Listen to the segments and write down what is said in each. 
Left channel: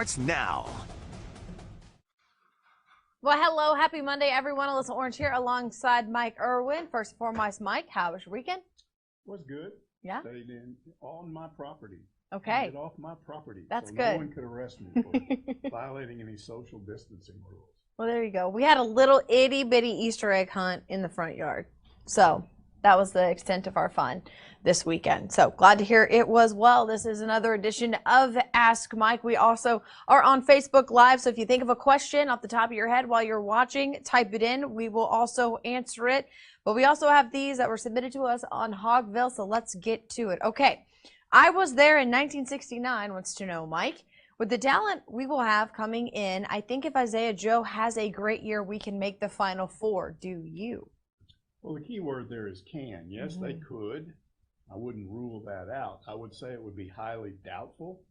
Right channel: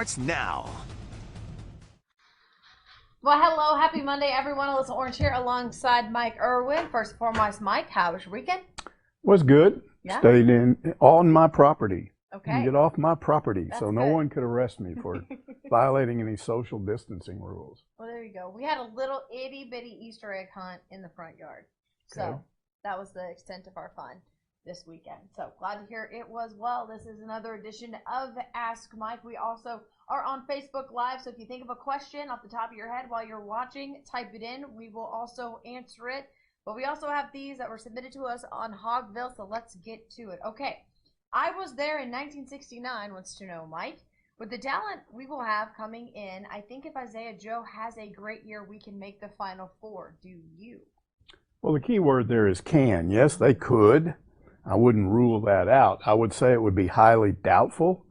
starts now. Well, hello. Happy Monday, everyone. Alyssa Orange here alongside Mike Irwin. First and foremost, Mike, how was your weekend? Was good. Yeah. Stayed on my property. Okay. Get off my property. That's so good. No one could arrest me for violating any social distancing rules. Well, there you go. We had a little itty-bitty Easter egg hunt in the front yard. So that was the extent of our fun this weekend. So glad to hear it was well. This is another edition of Ask Mike. We also are on Facebook Live. So if you think of a question off the top of your head while you're watching, type it in. We will also answer it. But we also have these that were submitted to us on Hogville. So let's get to it. Okay. I was there in 1969, wants to know, Mike. With the talent we will have coming in, I think if Isaiah Joe has a great year, we can make the Final Four. Do you? Well, the key word there is can. Yes, they could. I wouldn't rule that out. I would say it would be highly doubtful.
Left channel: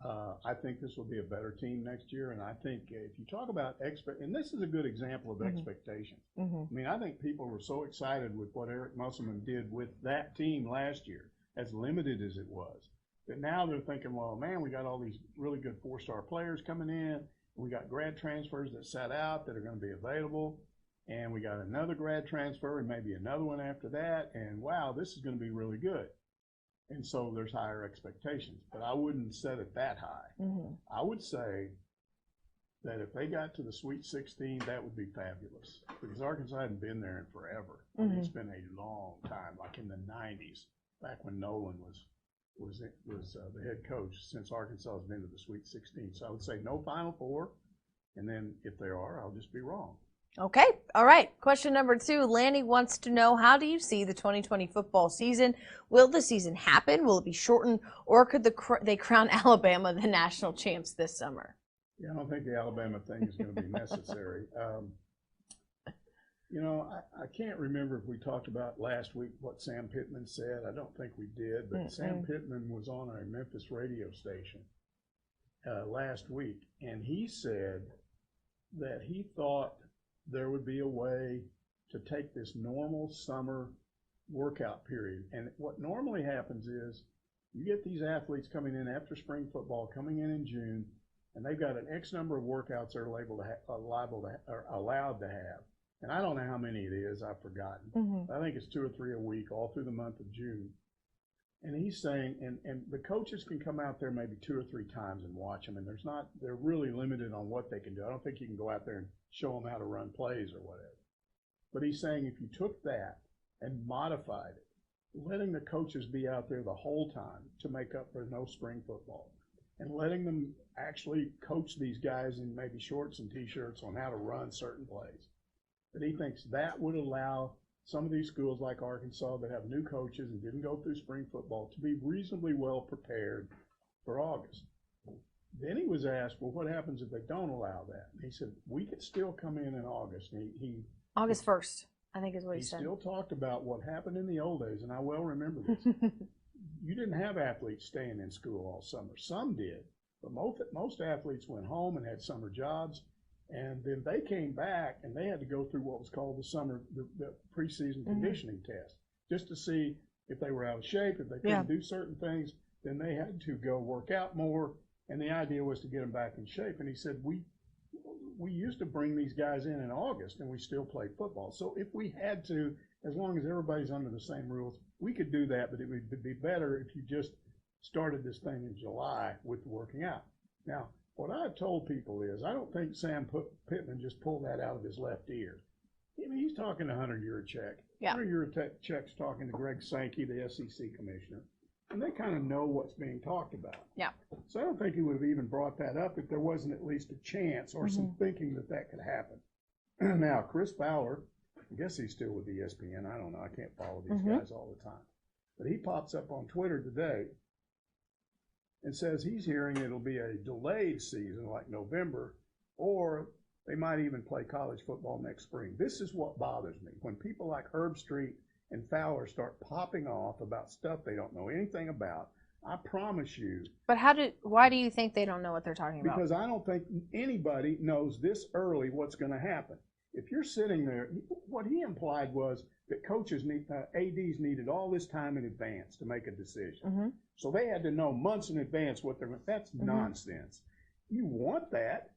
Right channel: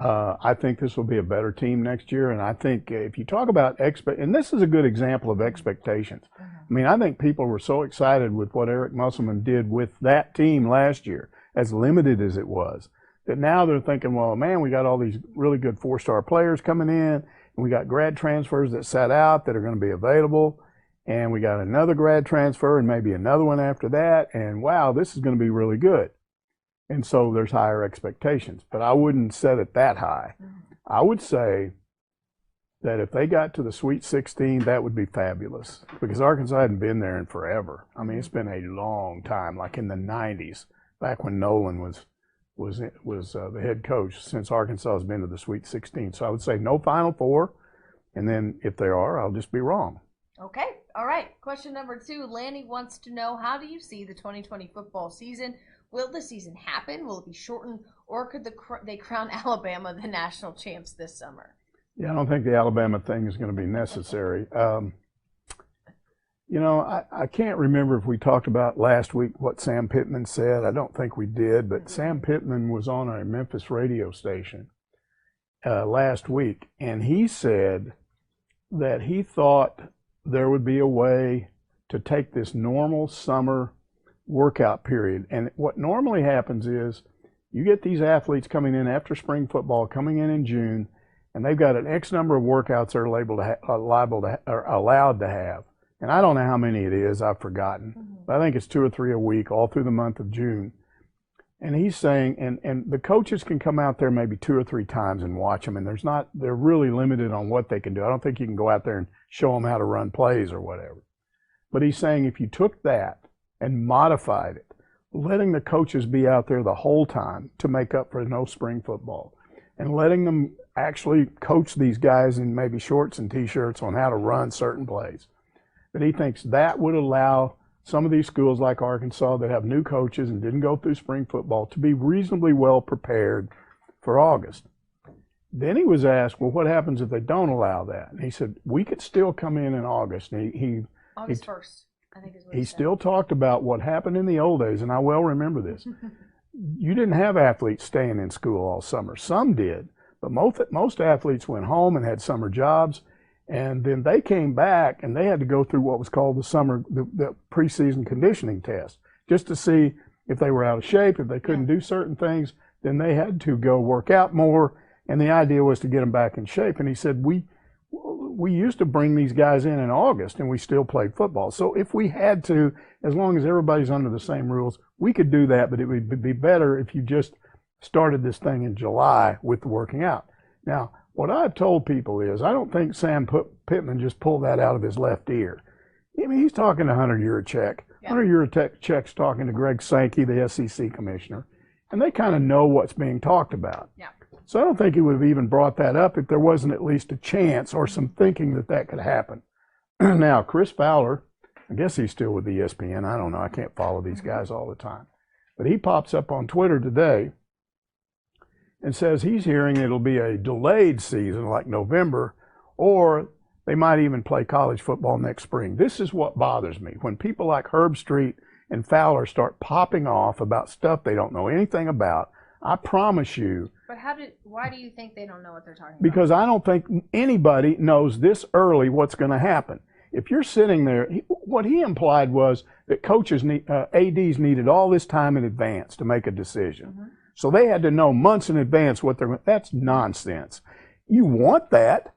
I think this will be a better team next year. And I think if you talk about and this is a good example of expectations. I mean, I think people were so excited with what Eric Musselman did with that team last year, as limited as it was, that now they're thinking, well, man, we got all these really good four-star players coming in, and we got grad transfers that sat out that are going to be available, and we got another grad transfer and maybe another one after that, and wow, this is going to be really good. And so there's higher expectations, but I wouldn't set it that high. I would say that if they got to the Sweet 16, that would be fabulous, because Arkansas hadn't been there in forever. I mean, it's been a long time, like in the 90s, back when Nolan was the head coach, since Arkansas has been to the Sweet 16. So I would say no Final Four, and then if there are, I'll just be wrong. Okay. All right. Question number 2. Lanny wants to know, how do you see the 2020 football season? Will the season happen? Will it be shortened? Or could they crown Alabama the national champs this summer? Yeah, I don't think the Alabama thing is going to be necessary. You know, I can't remember if we talked about last week what Sam Pittman said. I don't think we did, but Sam Pittman was on a Memphis radio station last week, and he said that he thought there would be a way to take this normal summer workout period. And what normally happens is you get these athletes coming in after spring football, coming in June, and they've got an X number of workouts they're allowed to have. And I don't know how many it is, I've forgotten. But I think it's 2 or 3 a week, all through the month of June. And he's saying, and the coaches can come out there maybe 2 or 3 times and watch them, and they're really limited on what they can do. I don't think you can go out there and show them how to run plays or whatever. But he's saying if you took that and modified it, letting the coaches be out there the whole time to make up for no spring football, and letting them actually coach these guys in maybe shorts and T-shirts on how to run certain plays, that he thinks that would allow some of these schools like Arkansas that have new coaches and didn't go through spring football to be reasonably well prepared for August. Then he was asked, well, what happens if they don't allow that? And he said, we could still come in August. And August 1st, I think is what he said. He still talked about what happened in the old days, and I well remember this. You didn't have athletes staying in school all summer. Some did, but most athletes went home and had summer jobs. And then they came back and they had to go through what was called the preseason conditioning test, just to see if they were out of shape, if they couldn't do certain things. Then they had to go work out more, and the idea was to get them back in shape. And he said, we used to bring these guys in August, and we still played football. So if we had to, as long as everybody's under the same rules, we could do that, but it would be better if you just started this thing in July with the working out. Now, what I've told people is I don't think Sam Pittman just pulled that out of his left ear. I mean, he's talking to Hunter Yurachek. Yeah. Hunter Yurachek's talking to Greg Sankey, the SEC commissioner, and they kind of know what's being talked about. Yeah. So I don't think he would have even brought that up if there wasn't at least a chance or some thinking that could happen. Now, Chris Fowler, I guess he's still with ESPN. I don't know. I can't follow these guys all the time. But he pops up on Twitter today and says he's hearing it'll be a delayed season like November, or they might even play college football next spring. This is what bothers me. When people like Herb Street and Fowler start popping off about stuff they don't know anything about, I promise you. But why do you think they don't know what they're talking about? Because I don't think anybody knows this early what's going to happen. If you're sitting there, what he implied was that coaches, ADs needed all this time in advance to make a decision. So they had to know months in advance what that's nonsense. you want that,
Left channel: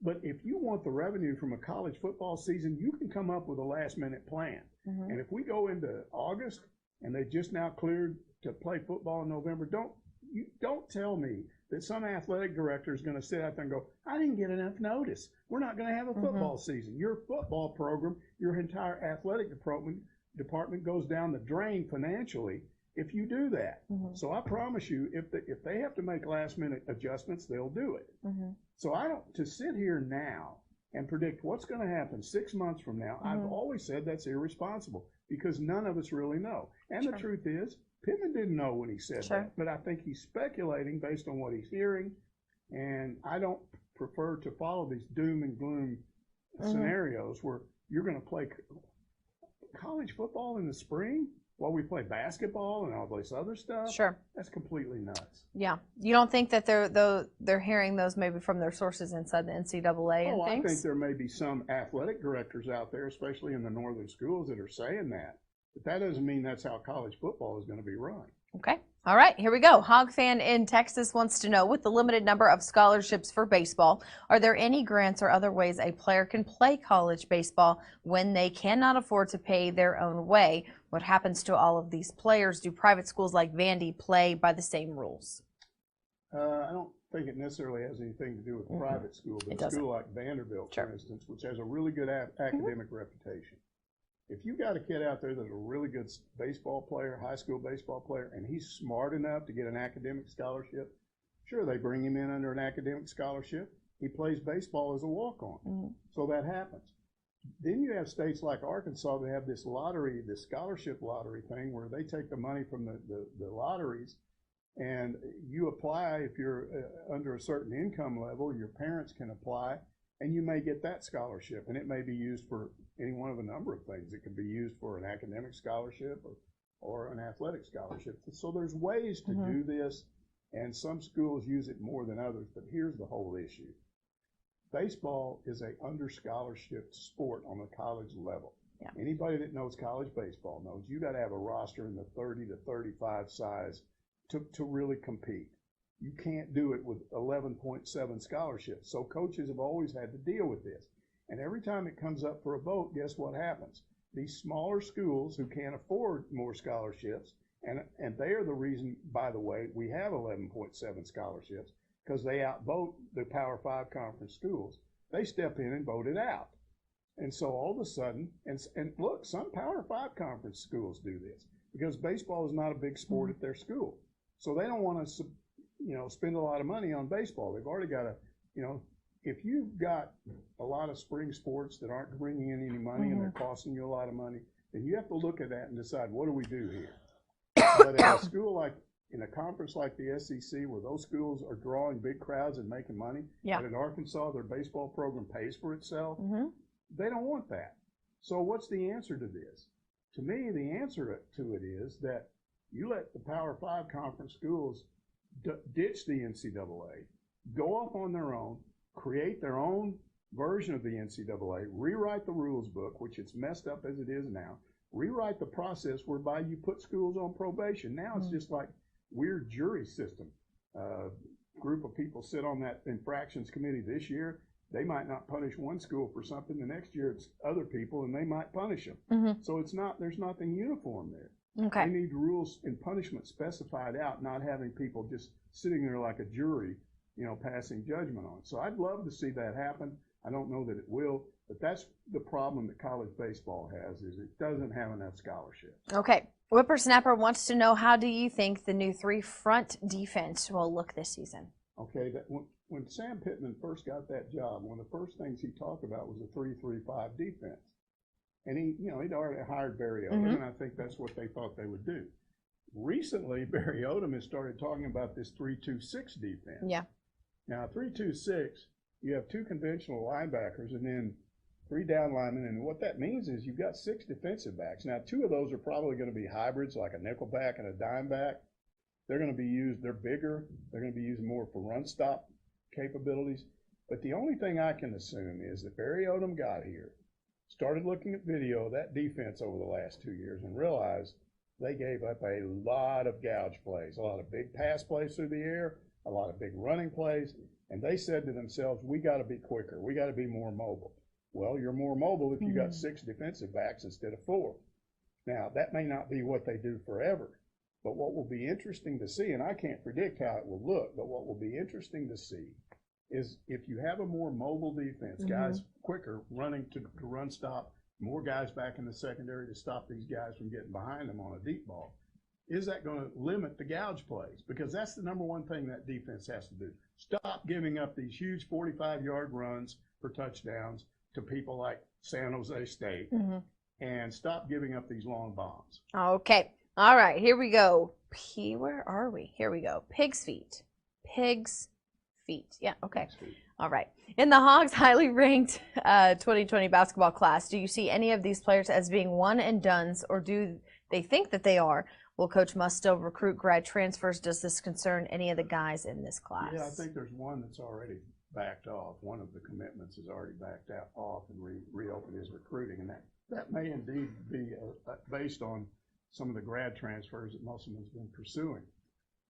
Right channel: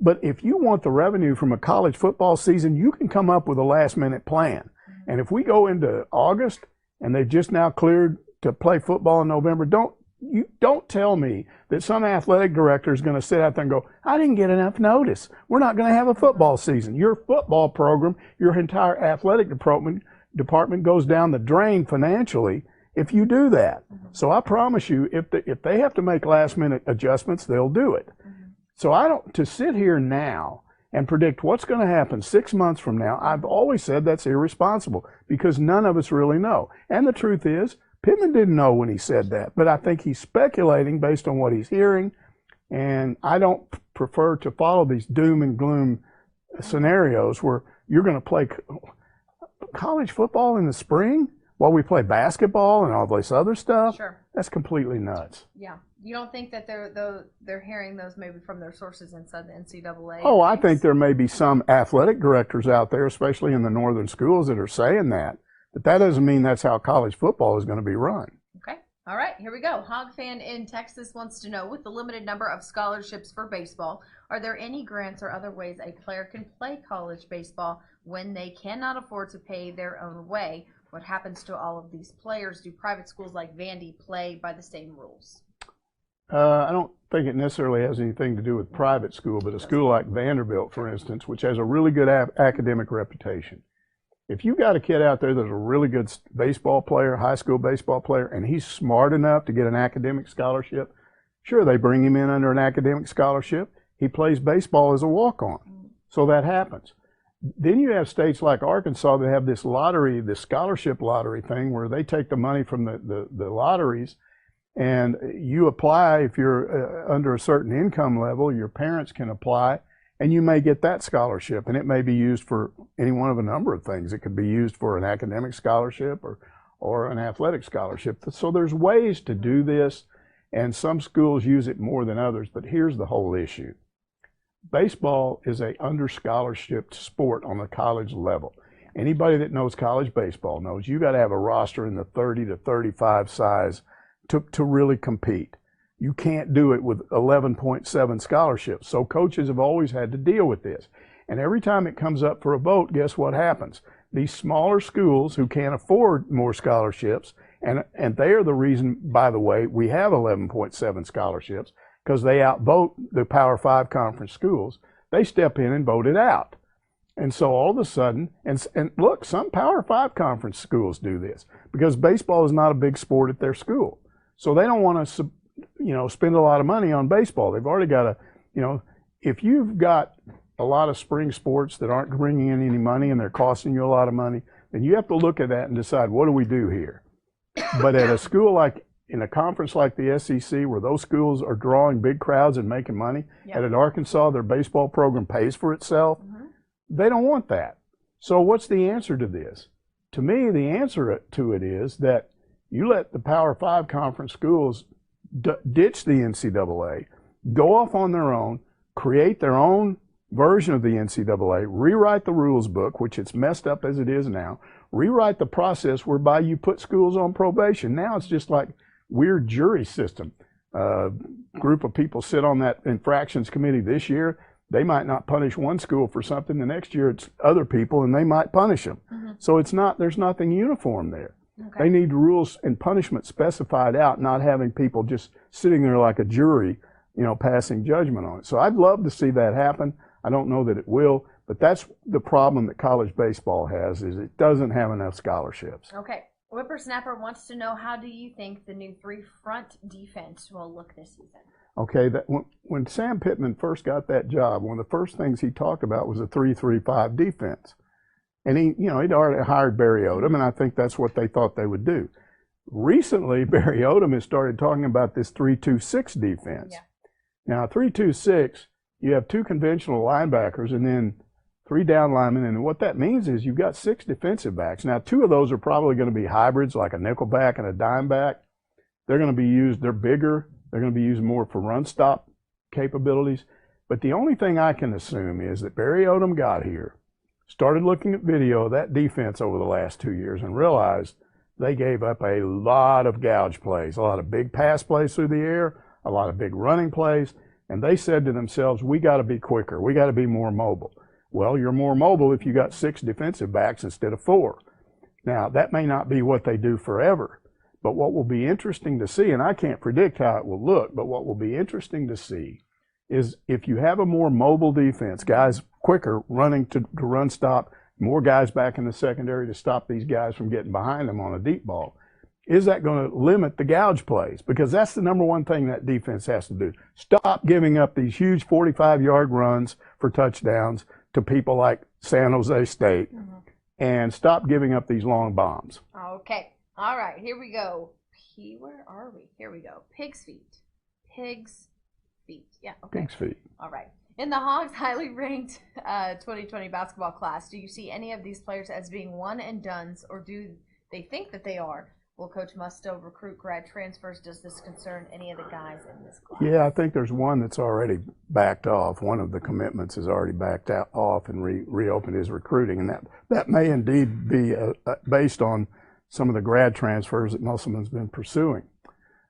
but if you want the revenue from a college football season, you can come up with a last-minute plan. Mm-hmm. And if we go into August and they've just now cleared to play football in November, don't tell me that some athletic director is going to sit out there and go, I didn't get enough notice. We're not going to have a football season. Your football program, your entire athletic department goes down the drain financially if you do that. Mm-hmm. So I promise you, if they have to make last-minute adjustments, they'll do it. Mm-hmm. So to sit here now and predict what's going to happen 6 months from now, I've always said that's irresponsible because none of us really know. And the truth is, Pittman didn't know when he said that, but I think he's speculating based on what he's hearing, and I don't prefer to follow these doom and gloom scenarios where you're going to play college football in the spring while we play basketball and all this other stuff. Sure. That's completely nuts. Yeah. You don't think that they're hearing those maybe from their sources inside the NCAA? Oh, I think there may be some athletic directors out there, especially in the northern schools, that are saying that. But that doesn't mean that's how college football is going to be run. Okay. All right, here we go. Hog fan in Texas wants to know, with the limited number of scholarships for baseball, are there any grants or other ways a player can play college baseball when they cannot afford to pay their own way? What happens to all of these players? Do private schools like Vandy play by the same rules? I don't think it necessarily has anything to do with private school, but a school like Vanderbilt, for instance, which has a really good academic reputation. If you got a kid out there that's a really good baseball player, high school baseball player, and he's smart enough to get an academic scholarship, sure, they bring him in under an academic scholarship. He plays baseball as a walk-on. So that happens. Then you have states like Arkansas that have this lottery, this scholarship lottery thing where they take the money from the lotteries and you apply. If you're under a certain income level, your parents can apply and you may get that scholarship, and it may be used for any one of a number of things. It could be used for an academic scholarship or an athletic scholarship. So there's ways to do this, and some schools use it more than others, but here's the whole issue. Baseball is a under-scholarshiped sport on the college level. Yeah. Anybody that knows college baseball knows you got to have a roster in the 30 to 35 size to really compete. You can't do it with 11.7 scholarships. So coaches have always had to deal with this. And every time it comes up for a vote, guess what happens? These smaller schools who can't afford more scholarships, and they are the reason, by the way, we have 11.7 scholarships, because they outvote the Power 5 conference schools. They step in and vote it out. And so all of a sudden, and look, some Power 5 conference schools do this because baseball is not a big sport at their school. So they don't want to spend a lot of money on baseball. They've already got if you've got a lot of spring sports that aren't bringing in any money and they're costing you a lot of money, then you have to look at that and decide, what do we do here? But at a school like, in a conference like the SEC, where those schools are drawing big crowds and making money, at Arkansas, their baseball program pays for itself. They don't want that. So what's the answer to this? To me, the answer to it is that you let the Power 5 conference schools ditch the NCAA, go off on their own, create their own version of the NCAA, rewrite the rules book, which it's messed up as it is now, rewrite the process whereby you put schools on probation. Now it's just like weird jury system. Group of people sit on that infractions committee this year. They might not punish one school for something. The next year it's other people and they might punish them. So there's nothing uniform there. Okay. They need rules and punishment specified out, not having people just sitting there like a jury, passing judgment on it. So I'd love to see that happen. I don't know that it will, but that's the problem that college baseball has, is it doesn't have enough scholarships. Okay. Whippersnapper wants to know, how do you think the new three-front defense will look this season? Okay, when Sam Pittman first got that job, one of the first things he talked about was a 3-3-5 defense. And he'd already hired Barry Odom, and I think that's what they thought they would do. Recently, Barry Odom has started talking about this 3-2-6 defense. Yeah. Now, 3-2-6, you have two conventional linebackers and then three down linemen, and what that means is you've got 6 defensive backs. Now, 2 of those are probably going to be hybrids, like a nickel back and a dime back. They're going to be used, they're bigger, they're going to be used more for run stop capabilities. But the only thing I can assume is that Barry Odom got here, started looking at video of that defense over the last 2 years, and realized they gave up a lot of gouge plays, a lot of big pass plays through the air, a lot of big running plays, And they said to themselves, we got to be quicker. We got to be more mobile. Well, you're more mobile if you got 6 defensive backs instead of 4. Now, that may not be what they do forever, but what will be interesting to see, and I can't predict how it will look, but what will be interesting to see is if you have a more mobile defense, guys quicker running to run stop, more guys back in the secondary to stop these guys from getting behind them on a deep ball, is that going to limit the gouge plays? Because that's the number one thing that defense has to do. Stop giving up these huge 45-yard runs for touchdowns to people like San Jose State, and stop giving up these long bombs. Okay. All right. Here we go. Where are we? Here we go. Pig's feet. Pig's feet. Yeah. Okay. Pig's feet. All right. In the Hogs' highly ranked 2020 basketball class, do you see any of these players as being one-and-dones, or do they think that they are? Will Coach Muss still recruit grad transfers? Does this concern any of the guys in this class? Yeah, I think there's one that's already backed off. One of the commitments has already backed off and reopened his recruiting, and that may indeed be based on some of the grad transfers that Musselman's been pursuing.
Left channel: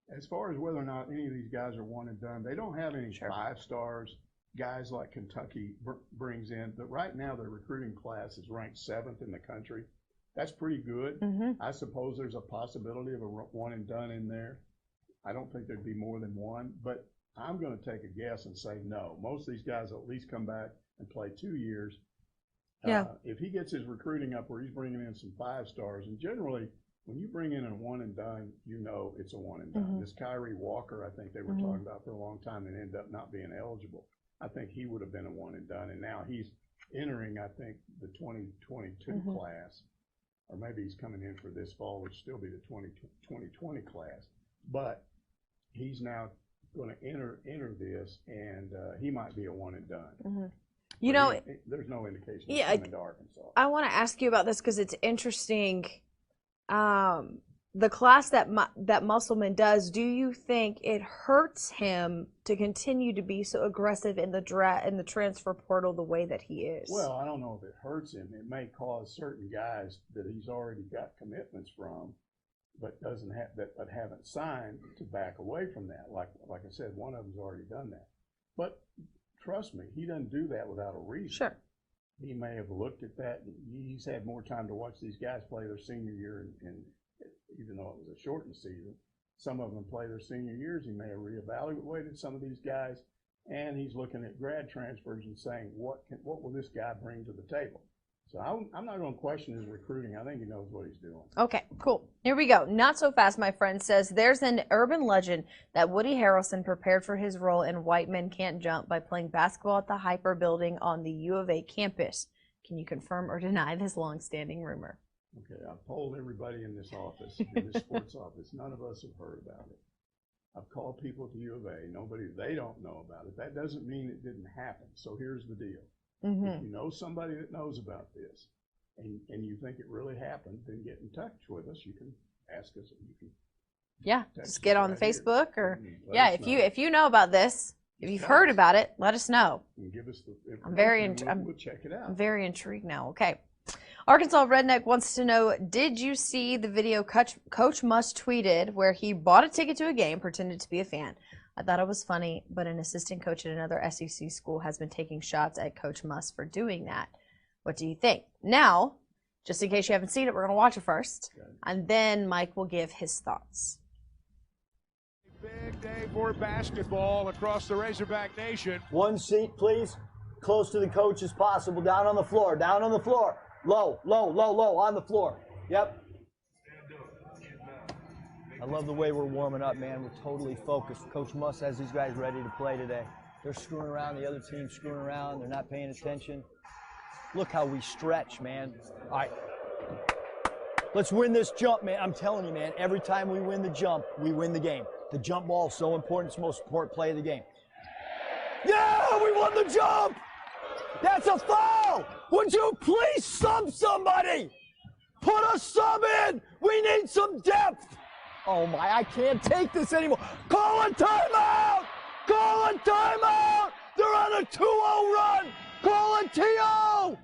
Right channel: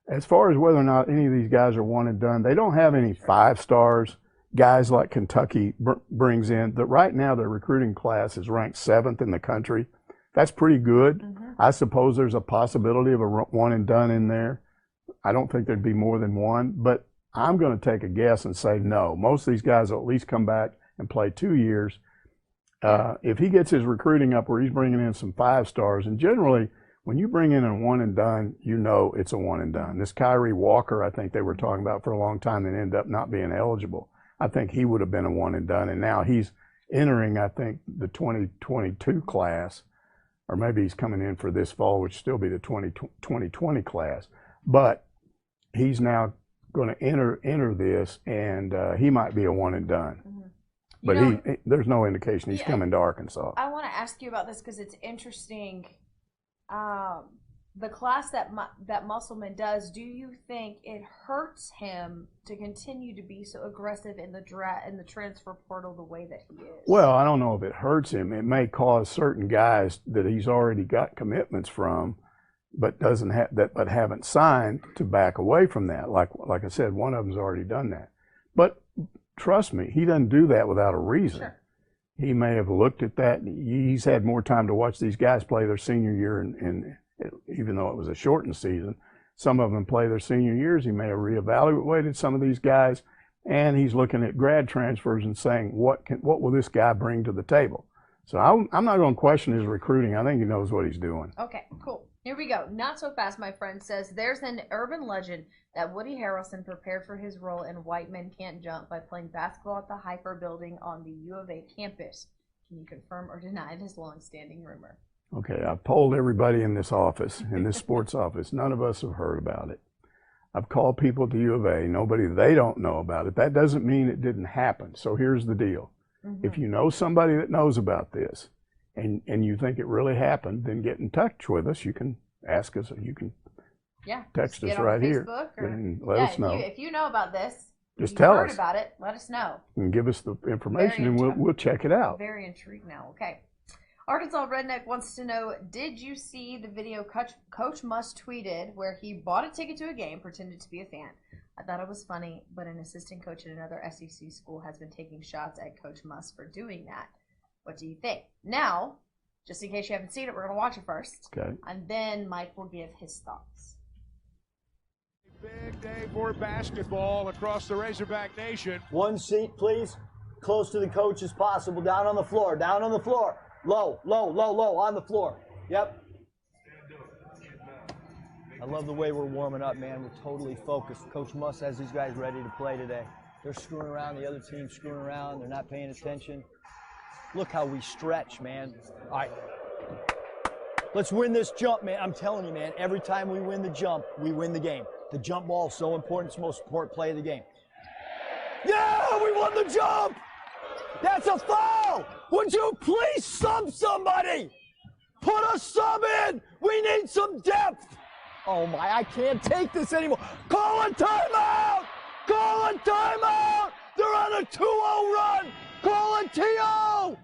As far as whether or not any of these guys are one and done, they don't have any 5 stars. Guys like Kentucky brings in. That right now their recruiting class is ranked 7th in the country. That's pretty good. I suppose there's a possibility of a one and done in there. I don't think there'd be more than one, but I'm going to take a guess and say no. Most of these guys will at least come back and play 2 years. If he gets his recruiting up where he's bringing in some 5 stars, and generally when you bring in a one and done, you know it's a one and done. This Kyrie Walker, I think they were talking about for a long time and ended up not being eligible. I think he would have been a one and done, and now he's entering, I think, the 2022 class. Or maybe he's coming in for this fall, which still be the 2020 class. But he's now going to enter this, and he might be a one and done. But there's no indication he's coming to Arkansas. I want to ask you about this because it's interesting. The class that Musselman does, do you think it hurts him to continue to be so aggressive in the transfer portal the way that he is? Well, I don't know if it hurts him. It may cause certain guys that he's already got commitments from, but haven't signed, to back away from that. Like I said, one of them's already done that. But trust me, he doesn't do that without a reason. Sure. He may have looked at that. He's had more time to watch these guys play their senior year, and even though it was a shortened season, some of them play their senior years. He may have reevaluated some of these guys, and he's looking at grad transfers and saying, what will this guy bring to the table? So I'm not going to question his recruiting. I think he knows what he's doing. Okay, cool. Here we go. Not so fast, my friend says, there's an urban legend that Woody Harrelson prepared for his role in White Men Can't Jump by playing basketball at the Hyper building on the U of A campus. Can you confirm or deny this long-standing rumor? Okay, I've polled everybody in this office, in this sports office. None of us have heard about it. I've called people at the U of A. They don't know about it. That doesn't mean it didn't happen. So here's the deal. If you know somebody that knows about this and you think it really happened, then get in touch with us. You can ask us. You can text us get on right Facebook here. Or if you know about this, just if you've heard us. about it, let us know. And give us the information, and we'll check it out. Very intrigued now. Okay. Arkansas Redneck wants to know, did you see the video Coach Muss tweeted where he bought a ticket to a game, pretended to be a fan? I thought it was funny, but an assistant coach at another SEC school has been taking shots at Coach Muss for doing that. What do you think? Now, just in case you haven't seen it, we're going to watch it first. Okay. And then Mike will give his thoughts. Big day for basketball across the Razorback Nation. One seat, please. Close to the coach as possible. Down on the floor. Down on the floor. Low, low, low, low on the floor. Yep. I love the way we're warming up, man. We're totally focused. Coach Muss has these guys ready to play today. They're screwing around. The other team's screwing around. They're not paying attention. Look how we stretch, man. All right. Let's win this jump, man. I'm telling you, man, every time we win the jump, we win the game. The jump ball is so important. It's the most important play of the game. Yeah, we won the jump! That's a foul! Would you please sub somebody? Put a sub in! We need some depth! Oh my, I can't take this anymore. Call a timeout! Call a timeout! They're on a 2-0 run! Call a TO!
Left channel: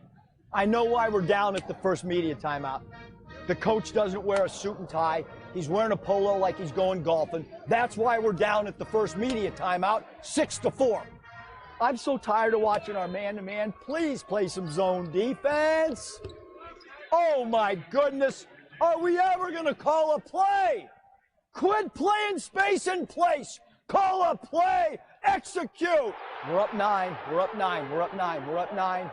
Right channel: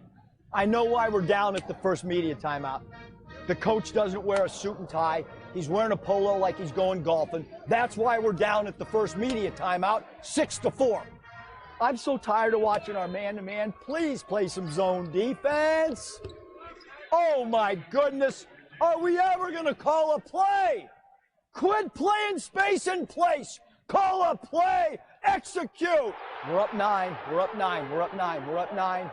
I know why we're down at the first media timeout. The coach doesn't wear a suit and tie. He's wearing a polo like he's going golfing. That's why we're down at the first media timeout, 6-4. I'm so tired of watching our man-to-man. Please play some zone defense. Oh, my goodness. Are we ever going to call a play? Quit playing space and place. Call a play. Execute. We're up 9. We're up 9. We're up 9. We're up 9.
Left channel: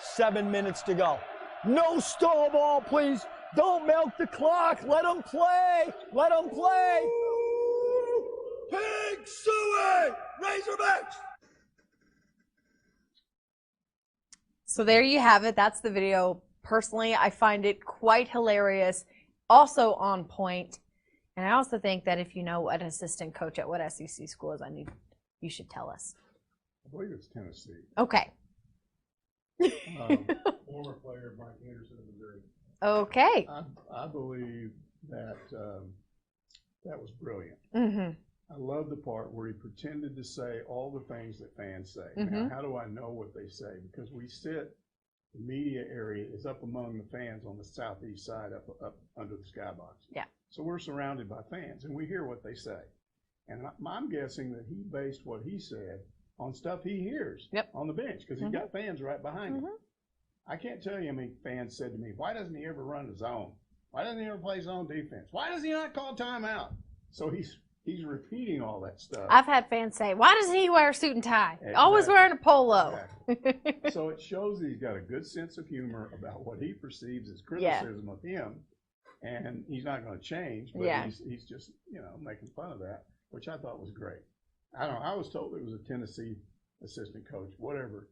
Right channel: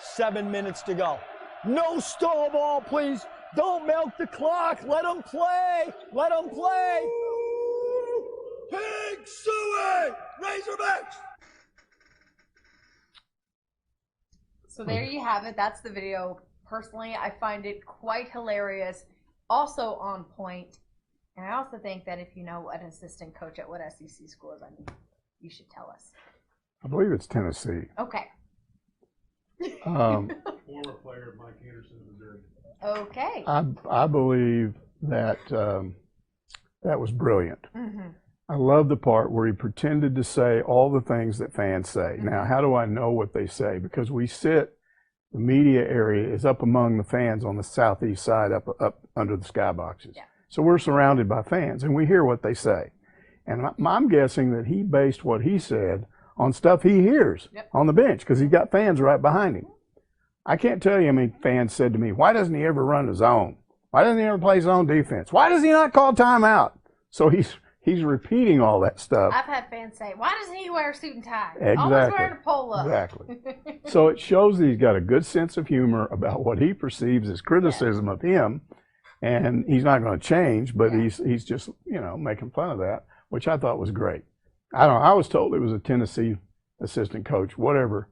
7 minutes to go. No stall ball, please. Don't milk the clock. Let them play. Let them play. Pig suey! Razorbacks! So there you have it. That's the video. Personally, I find it quite hilarious. Also on point. And I also think that if you know what assistant coach at what SEC school is, you should tell us. I believe it's Tennessee. Okay. Um, Former player Mike Anderson of Missouri. Okay. I believe that that was brilliant. Mm-hmm. I love the part where he pretended to say all the things that fans say. Mm-hmm. Now, how do I know what they say? Because we sit, the media area is up among the fans on the southeast side, up under the skyboxes. Yeah. So we're surrounded by fans, and we hear what they say. And I'm guessing that he based what he said on stuff he hears on the bench, because he's got fans right behind him. Mm-hmm. I can't tell you how many fans said to me, why doesn't he ever run the zone? Why doesn't he ever play zone defense? Why does he not call timeout? So he's repeating all that stuff. I've had fans say, why doesn't he wear a suit and tie? Exactly. Always wearing a polo. Exactly. So it shows that he's got a good sense of humor about what he perceives as criticism of him, and he's not going to change, but he's just, making fun of that, which I thought was great. I was told it was a Tennessee assistant coach, whatever.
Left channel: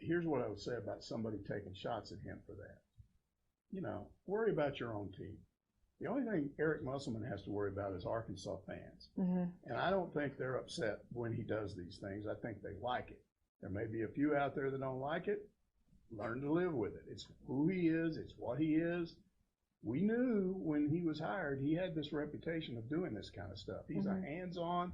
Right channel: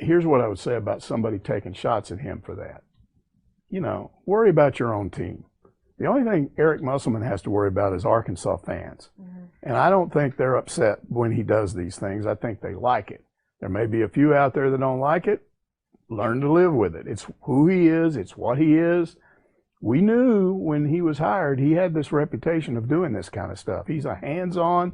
Here's what I would say about somebody taking shots at him for that. Worry about your own team. The only thing Eric Musselman has to worry about is Arkansas fans. Mm-hmm. And I don't think they're upset when he does these things. I think they like it. There may be a few out there that don't like it. Learn to live with it. It's who he is. It's what he is. We knew when he was hired, he had this reputation of doing this kind of stuff. He's a hands-on,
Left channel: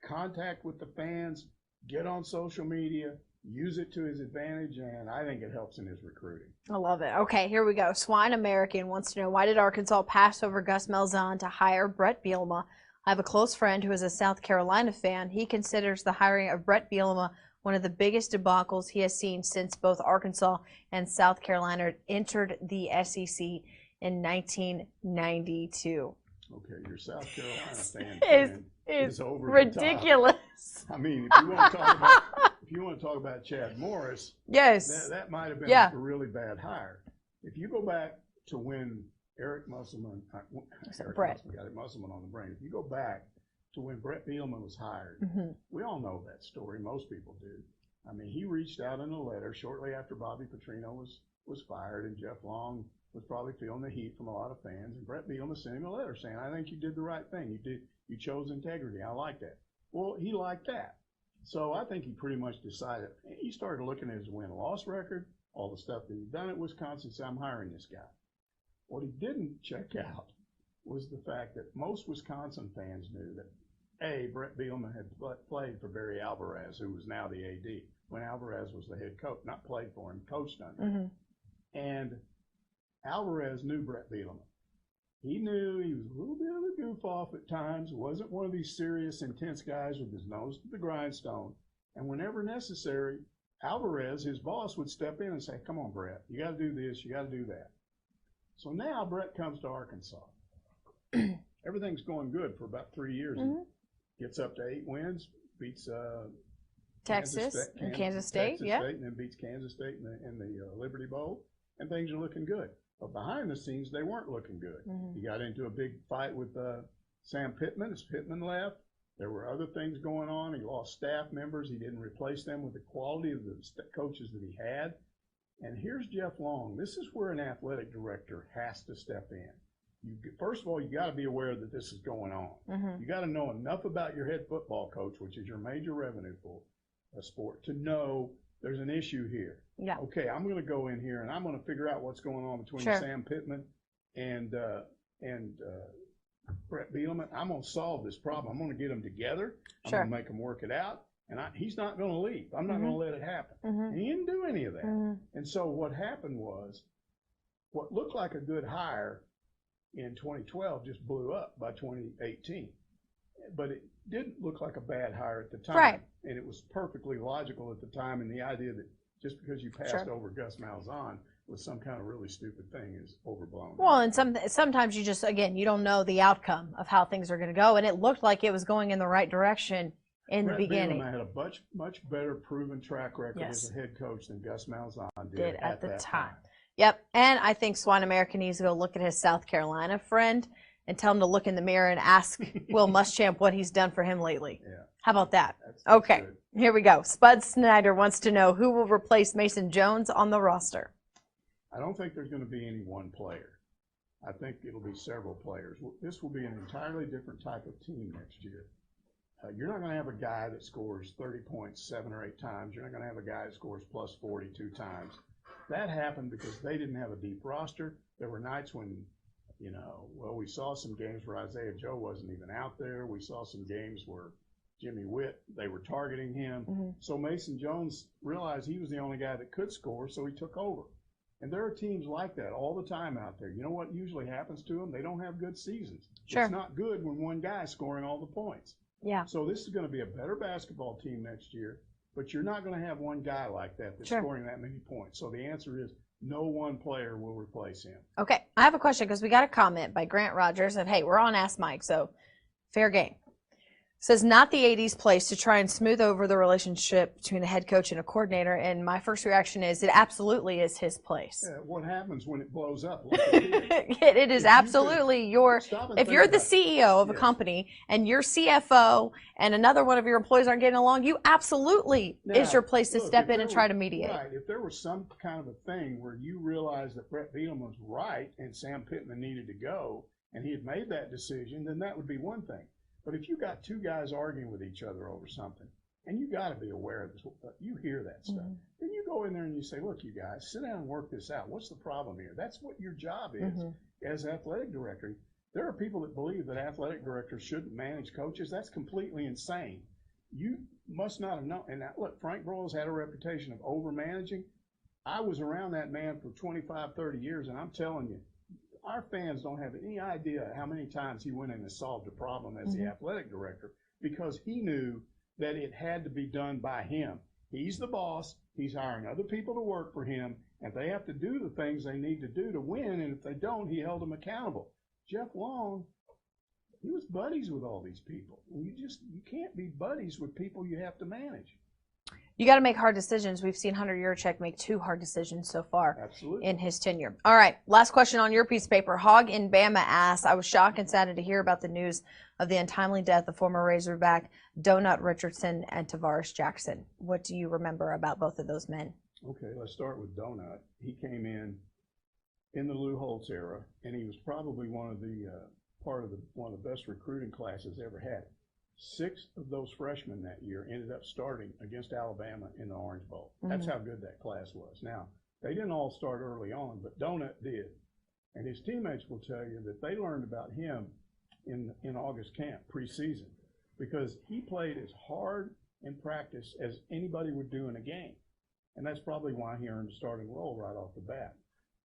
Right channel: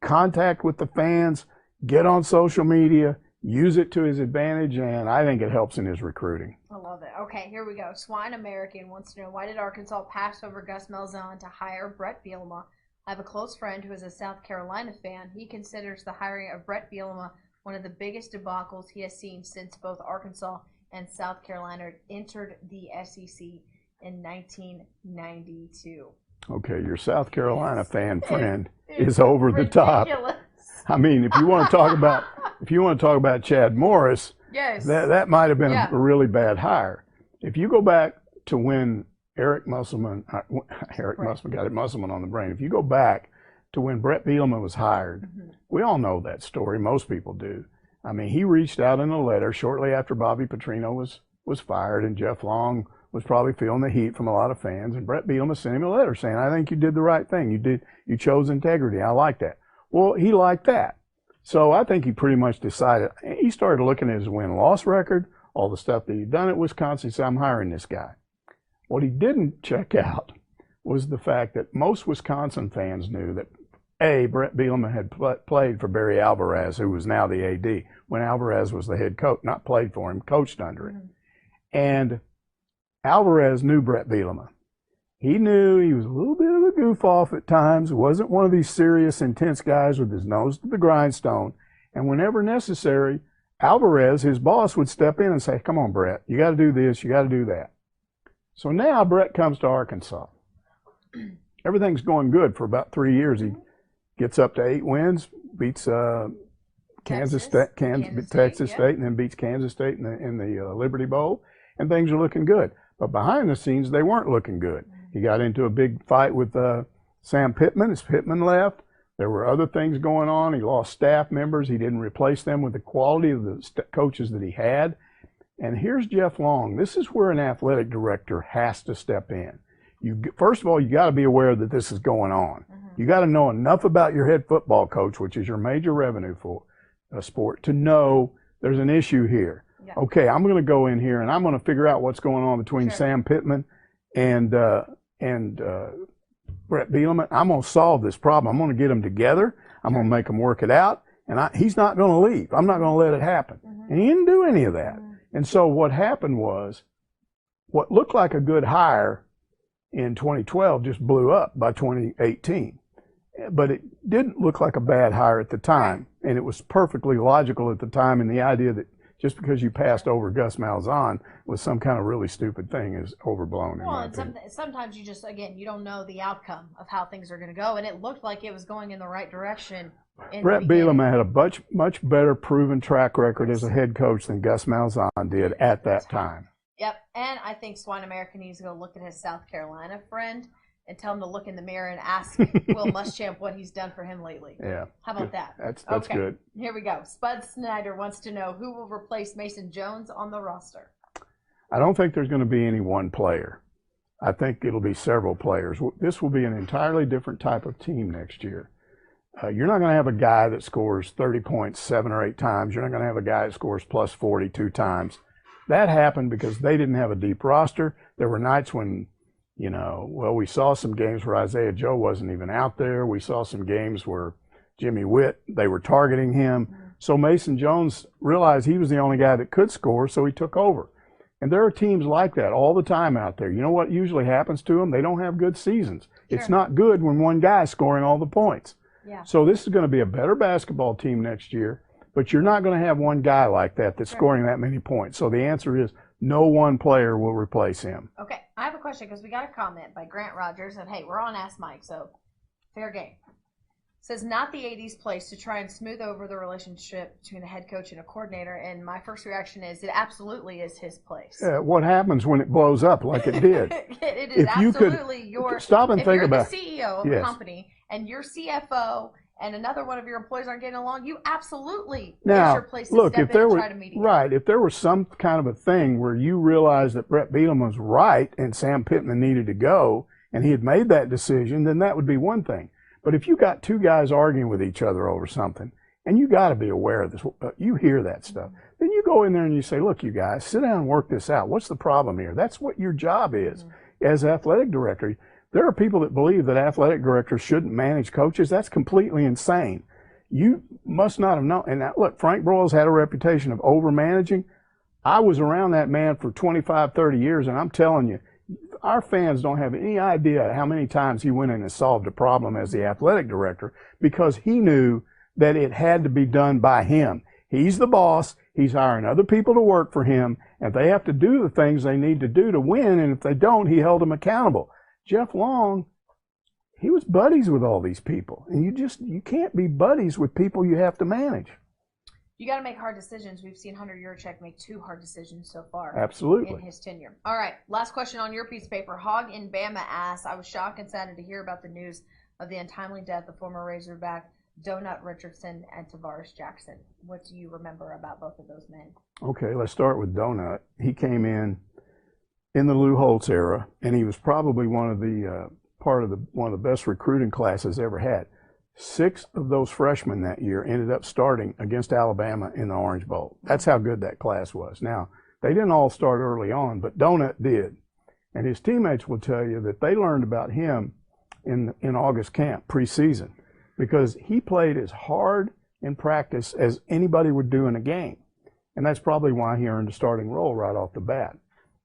contact with the fans, get on social media, use it to his advantage, and I think it helps in his recruiting. I love it. Okay, here we go. Swine American wants to know, why did Arkansas pass over Gus Malzahn to hire Bret Bielema? I have a close friend who is a South Carolina fan. He considers the hiring of Bret Bielema one of the biggest debacles he has seen since both Arkansas and South Carolina entered the SEC in 1992. Okay, your South Carolina fan friend is over the top. Ridiculous. I mean, if you want to talk about Chad Morris, that might have been a really bad hire. If you go back to when Musselman got Musselman on the brain. If you go back to when Bret Bielema was hired, we all know that story. Most people do. I mean, he reached out in a letter shortly after Bobby Petrino was fired, and Jeff Long was probably feeling the heat from a lot of fans. And Bret Bielema sent him a letter saying, "I think you did the right thing. You chose integrity. I like that." Well, he liked that. So I think he pretty much decided. He started looking at his win-loss record, all the stuff that he'd done at Wisconsin. He said, "I'm hiring this guy." What he didn't check out was the fact that most Wisconsin fans knew that, A, Bret Bielema had played for Barry Alvarez, who was now the AD, when Alvarez was the head coach, not played for him, coached under him. And Alvarez knew Bret Bielema. He knew he was a little bit of a goof-off at times. Wasn't one of these serious, intense guys with his nose to the grindstone. And whenever necessary, Alvarez, his boss, would step in and say, "Come on, Bret, you got to do this, you got to do that." So now Bret comes to Arkansas. Everything's going good for about 3 years. He gets up to 8 wins, beats Texas State, and then beats Kansas State in the Liberty Bowl, and things are looking good. But behind the scenes, they weren't looking good. He got into a big fight with Sam Pittman as Pittman left. There were other things going on. He lost staff members. He didn't replace them with the quality of the coaches that he had. And here's Jeff Long. This is where an athletic director has to step in. First of all, you got to be aware that this is going on. You got to know enough about your head football coach, which is your major revenue for a sport, to know there's an issue here. Yeah. Okay, I'm going to go in here and I'm going to figure out what's going on between Sam Pittman and Bret Bielema. I'm going to solve this problem. I'm going to get them together. I'm going to make them work it out. And he's not going to leave. I'm not going to let it happen. And he didn't do any of that. And so what happened was what looked like a good hire in 2012 just blew up by 2018. But it didn't look like a bad hire at the time. Right. And it was perfectly logical at the time. And the idea that just because you passed over Gus Malzahn was some kind of really stupid thing is overblown. Well, and sometimes you just, again, you don't know the outcome of how things are going to go. And it looked like it was going in the right direction. Bret Bielema had a much better proven track record as a head coach than Gus Malzahn did at that time. Yep. And I think Swine America needs to go look at his South Carolina friend and tell him to look in the mirror and ask Will Muschamp what he's done for him lately. Yeah. How about that? That's okay. Good. Here we go. Spud Snyder wants to know who will replace Mason Jones on the roster. I don't think there's going to be any one player. I think it'll be several players. This will be an entirely different type of team next year. You're not going to have a guy that scores 30 points 7 or 8 times. You're not going to have a guy that scores plus 42 times. That happened because they didn't have a deep roster. There were nights when, we saw some games where Isaiah Joe wasn't even out there. We saw some games where Jimmy Witt, they were targeting him. Mm-hmm. So Mason Jones realized he was the only guy that could score, so he took over. And there are teams like that all the time out there. You know what usually happens to them? They don't have good seasons. Sure. It's not good when one guy's scoring all the points. Yeah. So this is going to be a better basketball team next year, but you're not going to have one guy like that that's scoring that many points. So the answer is no one player will replace him. Okay. I have a question because we got a comment by Grant Rogers of, hey, we're on Ask Mike, so fair game. Says not the 80s place to try and smooth over the relationship between a head coach and a coordinator. And my first reaction is it absolutely is his place. What happens when it blows up like it did? It is absolutely your. Stop and if think you're about the CEO of a company and your CFO and another one of your employees aren't getting along, you absolutely is your place to step in and try to mediate. Right. If there was some kind of a thing where you realized that Bret Bielema was right and Sam Pittman needed to go and he had made that decision, then that would be one thing. But if you got two guys arguing with each other over something, and you got to be aware of this, you hear that stuff, then you go in there and you say, look, you guys, sit down and work this out. What's the problem here? That's what your job is as athletic director. There are people that believe that athletic directors shouldn't manage coaches. That's completely insane. You must not have known. And now, look, Frank Broyles had a reputation of over-managing. I was around that man for 25, 30 years, and I'm telling you, our fans don't have any idea how many times he went in and solved a problem as the athletic director because he knew that it had to be done by him. He's the boss. He's hiring other people to work for him, and they have to do the things they need to do to win, and if they don't, he held them accountable. Jeff Long, he was buddies with all these people, and you can't be buddies with people you have to manage. You got to make hard decisions. We've seen Hunter Yurachek make 2 hard decisions so far. Absolutely. In his tenure. All right, last question on your piece of paper. Hog in Bama asks, I was shocked and saddened to hear about the news of the untimely death of former Razorback Donut Richardson and Tavares Jackson. What do you remember about both of those men? Okay, let's start with Donut. He came in the Lou Holtz era, and he was probably one of the best recruiting classes ever had. 6 of those freshmen that year ended up starting against Alabama in the Orange Bowl. That's how good that class was. Now, they didn't all start early on, but Donut did. And his teammates will tell you that they learned about him in August camp preseason because he played as hard in practice as anybody would do in a game. And that's probably why he earned a starting role right off the bat.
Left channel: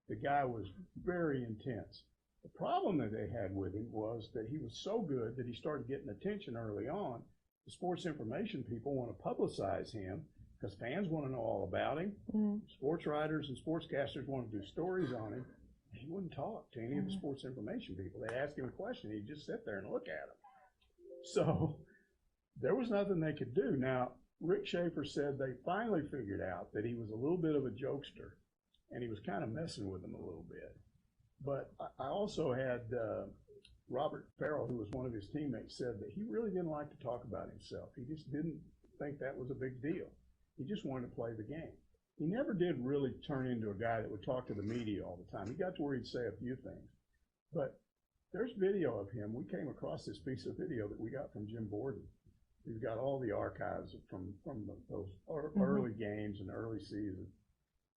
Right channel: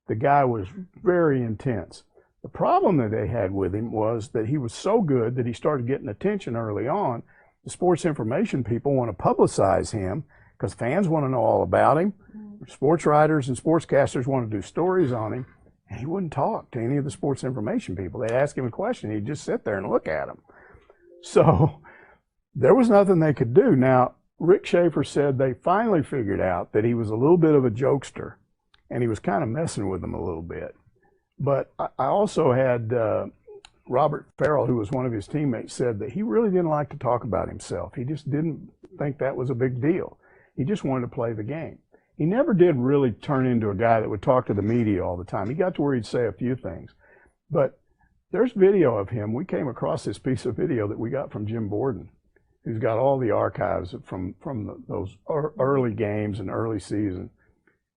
The guy was very intense. The problem that they had with him was that he was so good that he started getting attention early on. The sports information people want to publicize him because fans want to know all about him. Sports writers and sportscasters want to do stories on him. And he wouldn't talk to any of the sports information people. They'd ask him a question. He'd just sit there and look at them. So there was nothing they could do. Now, Rick Schaefer said they finally figured out that he was a little bit of a jokester, and he was kind of messing with them a little bit. But I also had Robert Farrell, who was one of his teammates, said that he really didn't like to talk about himself. He just didn't think that was a big deal. He just wanted to play the game. He never did really turn into a guy that would talk to the media all the time. He got to where he'd say a few things. But there's video of him. We came across this piece of video that we got from Jim Borden, who's got all the archives from those early games and early season.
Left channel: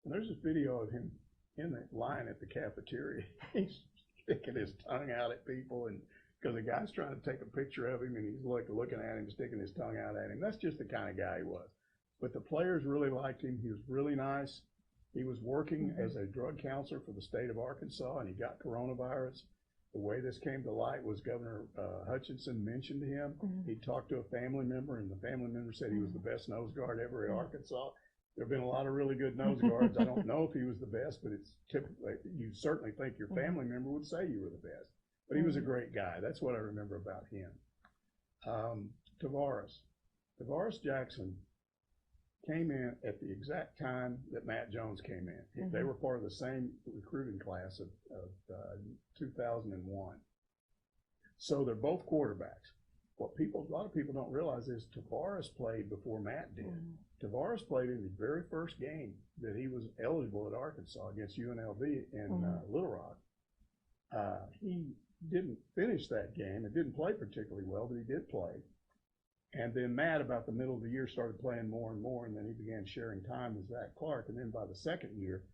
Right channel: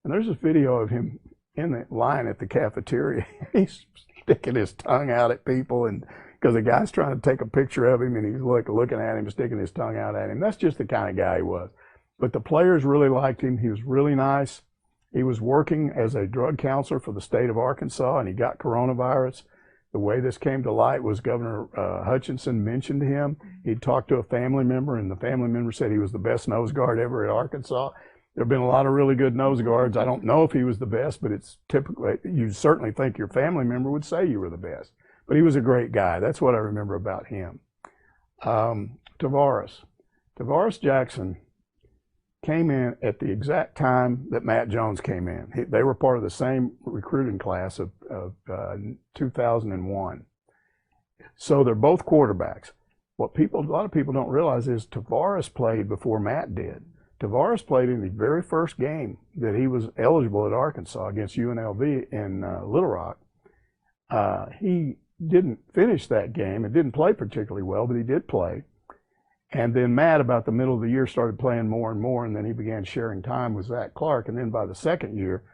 And there's this video of him in the line at the cafeteria. He's sticking his tongue out at people, and because the guy's trying to take a picture of him, and he's looking at him, sticking his tongue out at him. That's just the kind of guy he was. But the players really liked him. He was really nice, He was working as a drug counselor for the state of Arkansas, and he got coronavirus. The way this came to light was Governor Hutchinson mentioned him. He'd talked to a family member, and the family member said he was the best nose guard ever at Arkansas. There have been a lot of really good nose guards. I don't know if he was the best, but it's typically, you certainly think your family member would say you were the best. But he was a great guy. That's what I remember about him. Tavares Jackson came in at the exact time that Matt Jones came in. They were part of the same recruiting class of 2001. So they're both quarterbacks. What a lot of people don't realize is Tavares played before Matt did. Tavares played in the very first game that he was eligible at Arkansas against UNLV in Little Rock. He didn't finish that game. It didn't play particularly well, but he did play. And then Matt, about the middle of the year, started playing more and more, and then he began sharing time with Zach Clark. And then by the second year,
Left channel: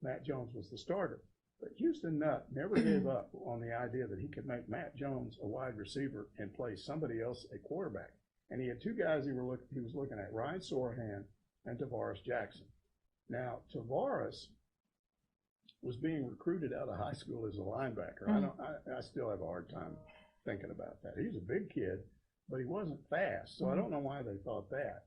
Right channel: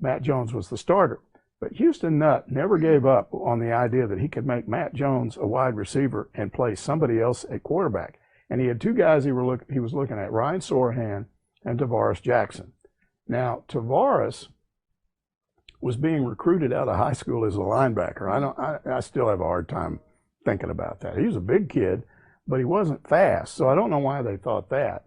Matt Jones was the starter. But Houston Nutt never gave up on the idea that he could make Matt Jones a wide receiver and play somebody else at quarterback. And he had two guys he was looking at, Ryan Sorahan and Tavares Jackson. Now, Tavares was being recruited out of high school as a linebacker. I still have a hard time thinking about that. He was a big kid, but he wasn't fast, so I don't know why they thought that.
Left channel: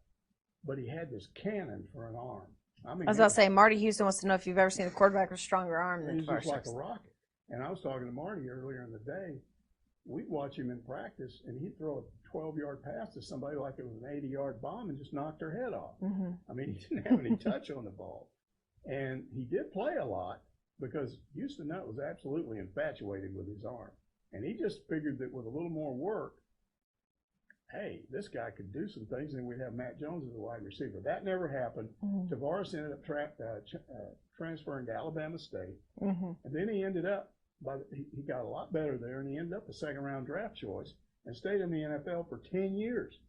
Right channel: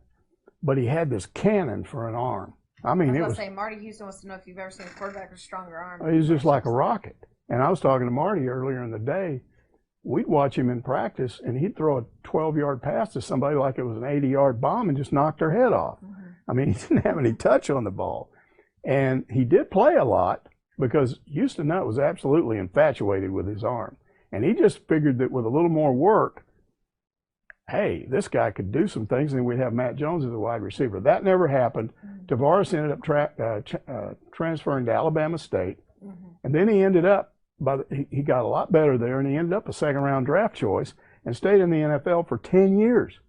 But he had this cannon for an arm. I mean, I was going to say, Marty Houston wants to know if you've ever seen a quarterback with a stronger arm. He was just like a rocket. And I was talking to Marty earlier in the day. We'd watch him in practice, and he'd throw a 12-yard pass to somebody like it was an 80-yard bomb and just knock their head off. I mean, he didn't have any touch on the ball. And he did play a lot because Houston Nutt was absolutely infatuated with his arm. And he just figured that with a little more work, hey, this guy could do some things, and then we'd have Matt Jones as a wide receiver. That never happened. Tavares ended up transferring to Alabama State, and then he ended up, he got a lot better there, and he ended up a second-round draft choice and stayed in the NFL for 10 years.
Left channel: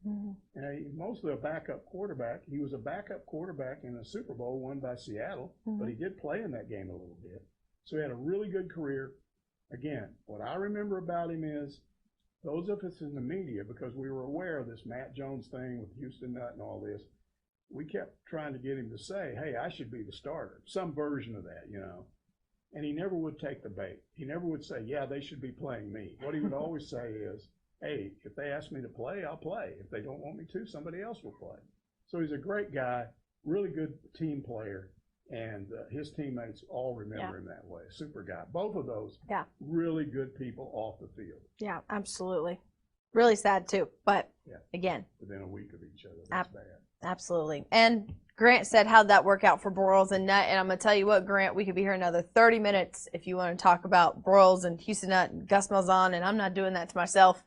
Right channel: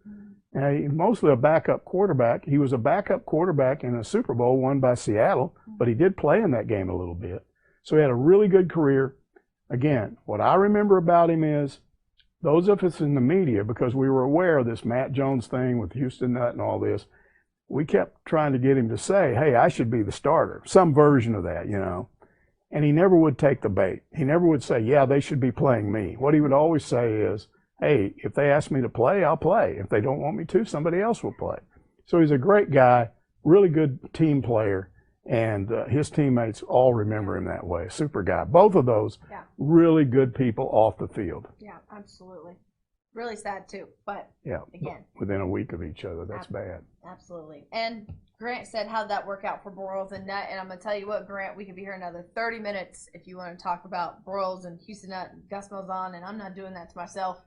And mostly a backup quarterback. He was a backup quarterback in a Super Bowl won by Seattle, but he did play in that game a little bit. So he had a really good career. Again, what I remember about him is, those of us in the media, because we were aware of this Matt Jones thing with Houston Nutt and all this, we kept trying to get him to say, hey, I should be the starter, some version of that, you know. And he never would take the bait. He never would say, yeah, they should be playing me. What he would always say is, hey, if they ask me to play, I'll play. If they don't want me to, somebody else will play. So he's a great guy, really good team player. And his teammates all remember him that way. Super guy. Both of those really good people off the field. Yeah, absolutely. Really sad too, but again, within a week of each other, that's bad. Absolutely. And Grant said, how'd that work out for Broyles and Nutt? And I'm going to tell you what, Grant, we could be here another 30 minutes if you want to talk about Broyles and Houston Nutt and Gus Malzahn, and I'm not doing that to myself.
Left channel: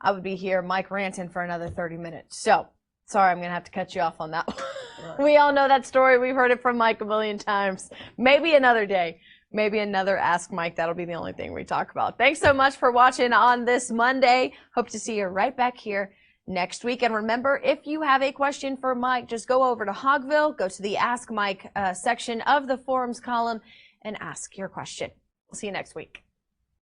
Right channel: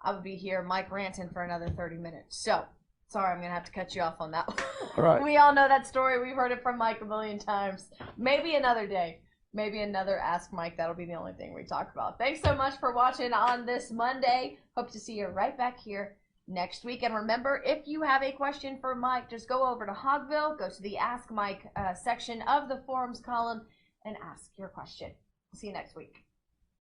I would be here, Mike ranting, for another 30 minutes. So, sorry, I'm going to have to cut you off on that one. All right. We all know that story. We've heard it from Mike a million times. Maybe another day. Maybe another Ask Mike. That'll be the only thing we talk about. Thanks so much for watching on this Monday. Hope to see you right back here next week. And remember, if you have a question for Mike, just go over to Hogville, go to the Ask Mike section of the forums column, and ask your question. We'll see you next week.